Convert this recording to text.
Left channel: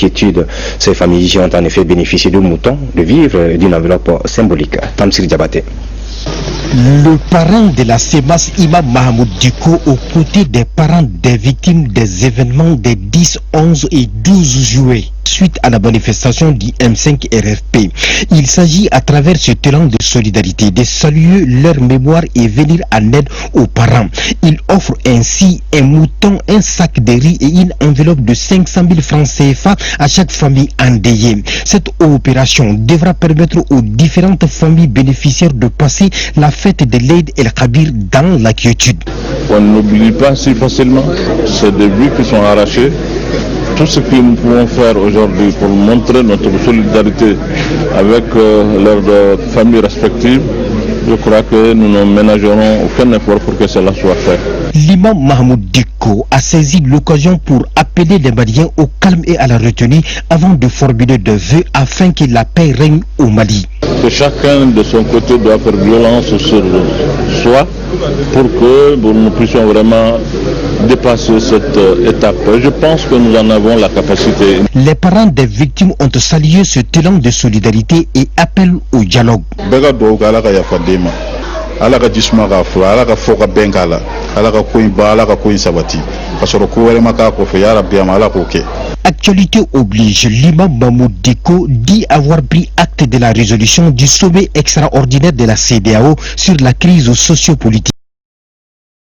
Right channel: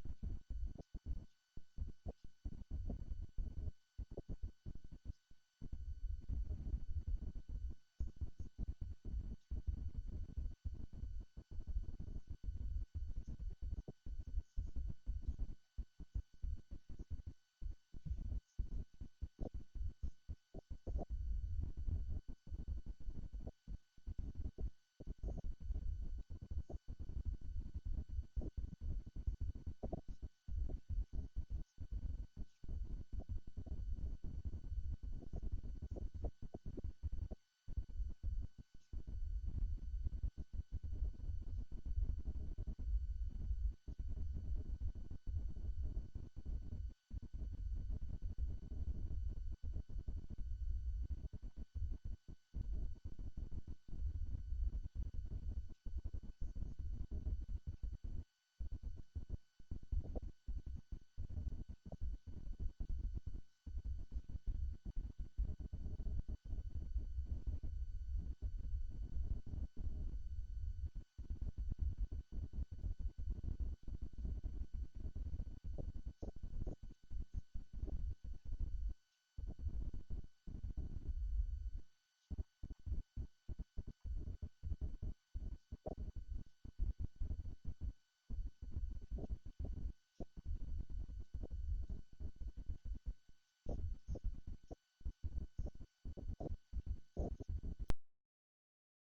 inquiétude. Ces familles ont en effet bénéficié de moutons, de vivres, d'une enveloppe symbolique. Tamsir Diabaté. Le parent de la CEMAS, Imam Mahamoud Diko, aux côtés des parents des victimes des événements des 10, 11 et 12 juillet, suite à la manifestation du M5 RFP. Il s'agit à travers ce élan de solidarité de saluer leur mémoire et venir en aide aux parents. Il offre ainsi un mouton, un sac de riz et une enveloppe de 500 000 francs CFA à chaque famille endeuillée. Cette opération devra permettre aux différentes familles bénéficiaires de passer la fête de l'Aïd el-Kabir dans la quiétude. On n'oublie pas si facilement, c'est des vies qui sont arrachées. Tout ce que nous pouvons faire aujourd'hui pour montrer notre solidarité avec leurs familles respectives, je crois que nous ne ménagerons aucun effort pour que cela soit fait. L'imam Mahmoud Diko a saisi l'occasion pour appeler les Maliens au calme et à la retenue avant de formuler des vœux afin que la paix règne au Mali. Que chacun de son côté doit faire violence sur soi pour que nous puissions vraiment dépasser cette étape. Je pense que nous en avons la capacité. Les parents des victimes ont salué ce élan de solidarité et appellent au dialogue. Actualité oblige, l'imam Mahmoud Diko dit avoir pris acte de la résolution du sommet extraordinaire de la CEDEAO sur la crise socio-politique.